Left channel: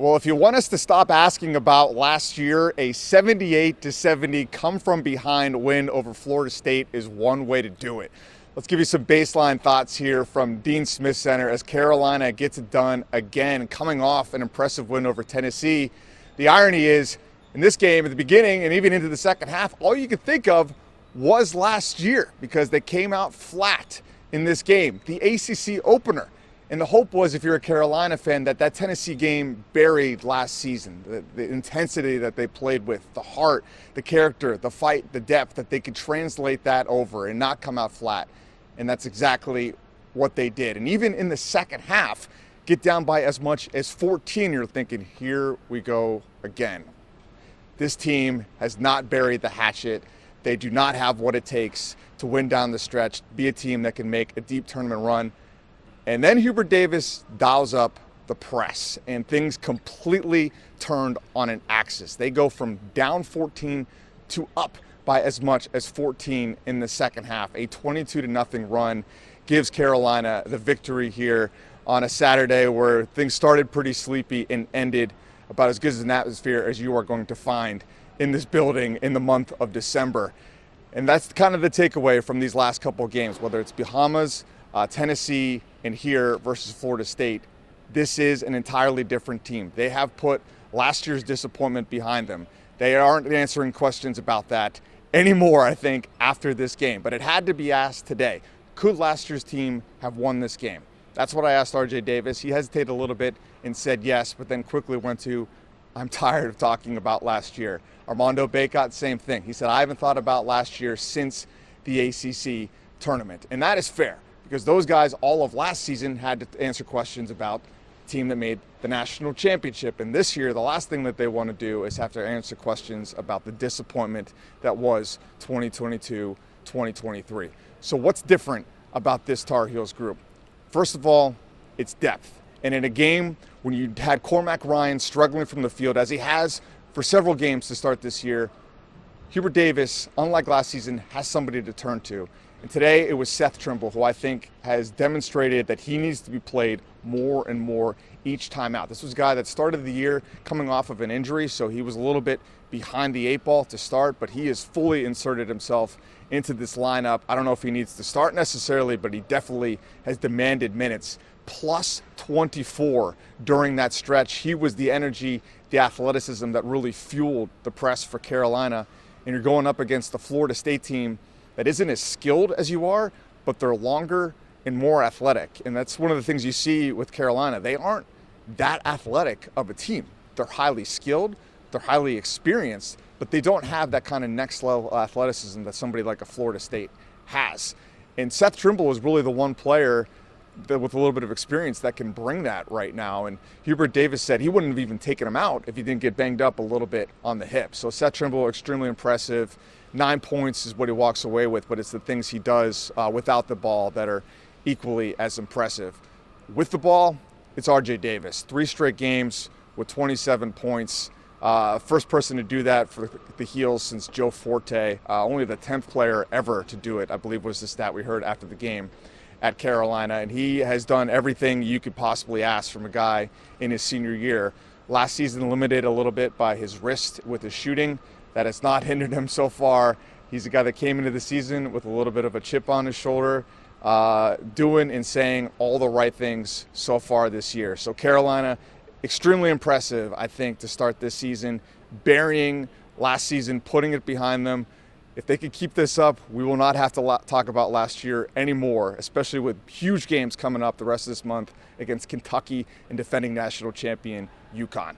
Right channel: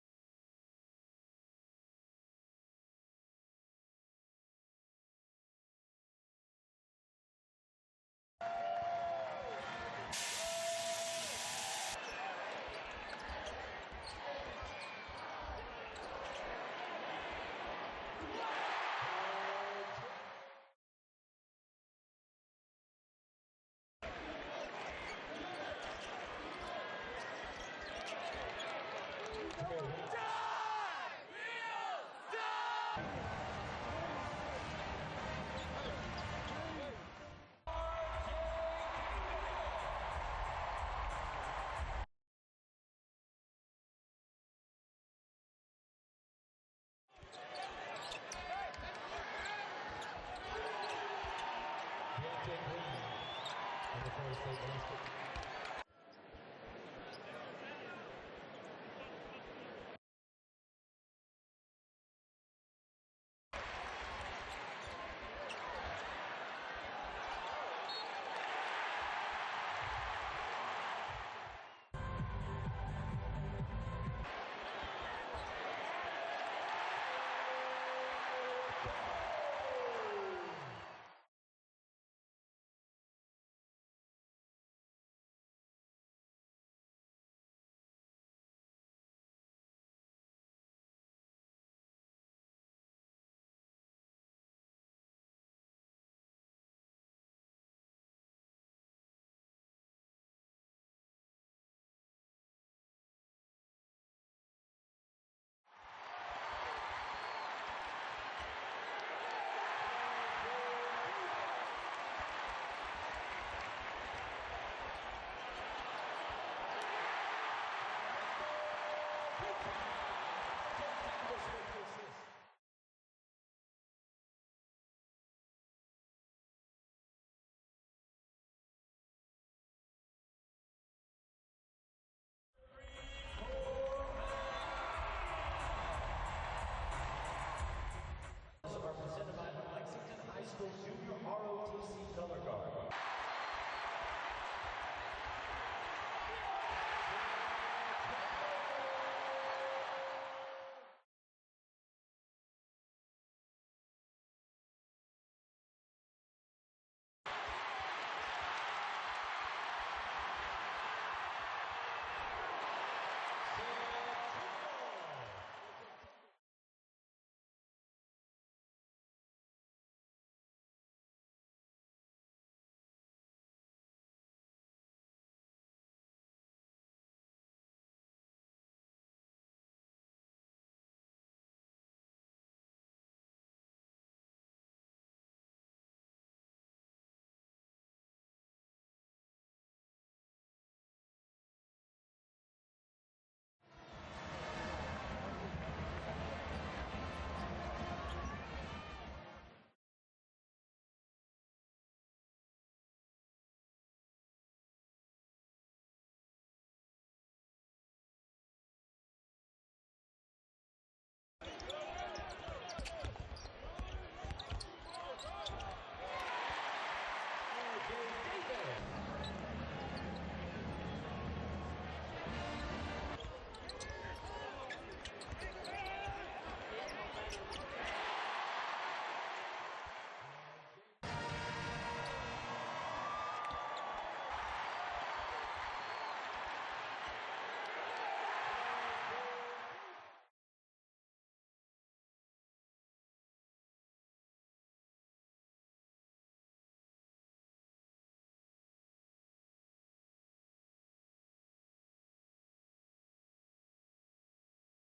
Well, if you want us to stop asking about last year, a 78-70 come from behind win over Florida State is one way to do it. Let's give you some baseline thoughts here from Dean Smith Center as Carolina gets it done again, coming off an impressive win over Tennessee. The irony is, in this game, at the beginning and even into the second half, all you could think of was last year because they came out flat in this game, the ACC opener. And the hope was, if you're a Carolina fan, that Tennessee game buried last season, the intensity that they played with, the heart, the character, the fight, the depth, that they could translate that over and not come out flat. And that's exactly what they did. And even in the second half, get down by as much as 14, you're thinking, here we go again. This team has not buried the hatchet. They do not have what it takes to win down the stretch, be a team that can make a deep tournament run. And then Hubert Davis dials up the press, and things completely turned on an axis. They go from down 14 to up by as much as 14 in the second half. A 22-0 run gives Carolina the victory here on a Saturday where things started pretty sleepy and ended about as good as an atmosphere as you are going to find in this building in the month of December. And that's kind of the takeaway from these last couple of games, whether it's Bahamas, Tennessee, and here versus Florida State. This is an entirely different team. They have put last year's disappointment behind them. They aren't answering questions about that anymore, I think, after this game. But it had to be asked today. Could last year's team have won this game? That's what I asked RJ Davis. He hesitated a little bit and said yes, but then quickly went to, I'm tired of talking about last year. Armando Bacot, same thing. He said, I haven't thought about last year since the ACC tournament. And that is fair, because those guys all of last season had to answer questions about the team that made the national championship. And this year, the last thing that they want to do is have to answer questions about the disappointment that was 2022-2023. So what's different about this Tar Heels group? First of all, it's depth. And in a game when you had Cormac Ryan struggling from the field, as he has for several games to start this year, Hubert Davis, unlike last season, has somebody to turn to. And today it was Seth Trimble, who I think has demonstrated that he needs to be played more and more each time out. This was a guy that started the year coming off of an injury, so he was a little bit behind the eight ball to start, but he has fully inserted himself into this lineup. I don't know if he needs to start necessarily, but he definitely has demanded minutes. Plus 24 during that stretch. He was the energy, the athleticism that really fueled the press for Carolina. And you're going up against the Florida State team that isn't as skilled as you are, but they're longer and more athletic. And that's one of the things you see with Carolina. They aren't that athletic of a team. They're highly skilled, they're highly experienced, but they don't have that kind of next level athleticism that somebody like a Florida State has. And Seth Trimble was really the one player that, with a little bit of experience, that can bring that right now. And Hubert Davis said he wouldn't have even taken him out if he didn't get banged up a little bit on the hip. So Seth Trimble, extremely impressive. 9 points is what he walks away with, but it's the things he does without the ball that are equally as impressive. With the ball, it's RJ Davis. 3 straight games with 27 points. First person to do that for the Heels since Joe Forte. Only the 10th player ever to do it, I believe, was the stat we heard after the game at Carolina. And he has done everything you could possibly ask from a guy in his senior year. Last season limited a little bit by his wrist with his shooting. That has not hindered him so far. He's a guy that came into the season with a little bit of a chip on his shoulder, doing and saying all the right things so far this year. So Carolina, extremely impressive, I think, to start this season, burying last season, putting it behind them. If they could keep this up, we will not have to talk about last year anymore, especially with huge games coming up the rest of this month against Kentucky and defending national champion UConn.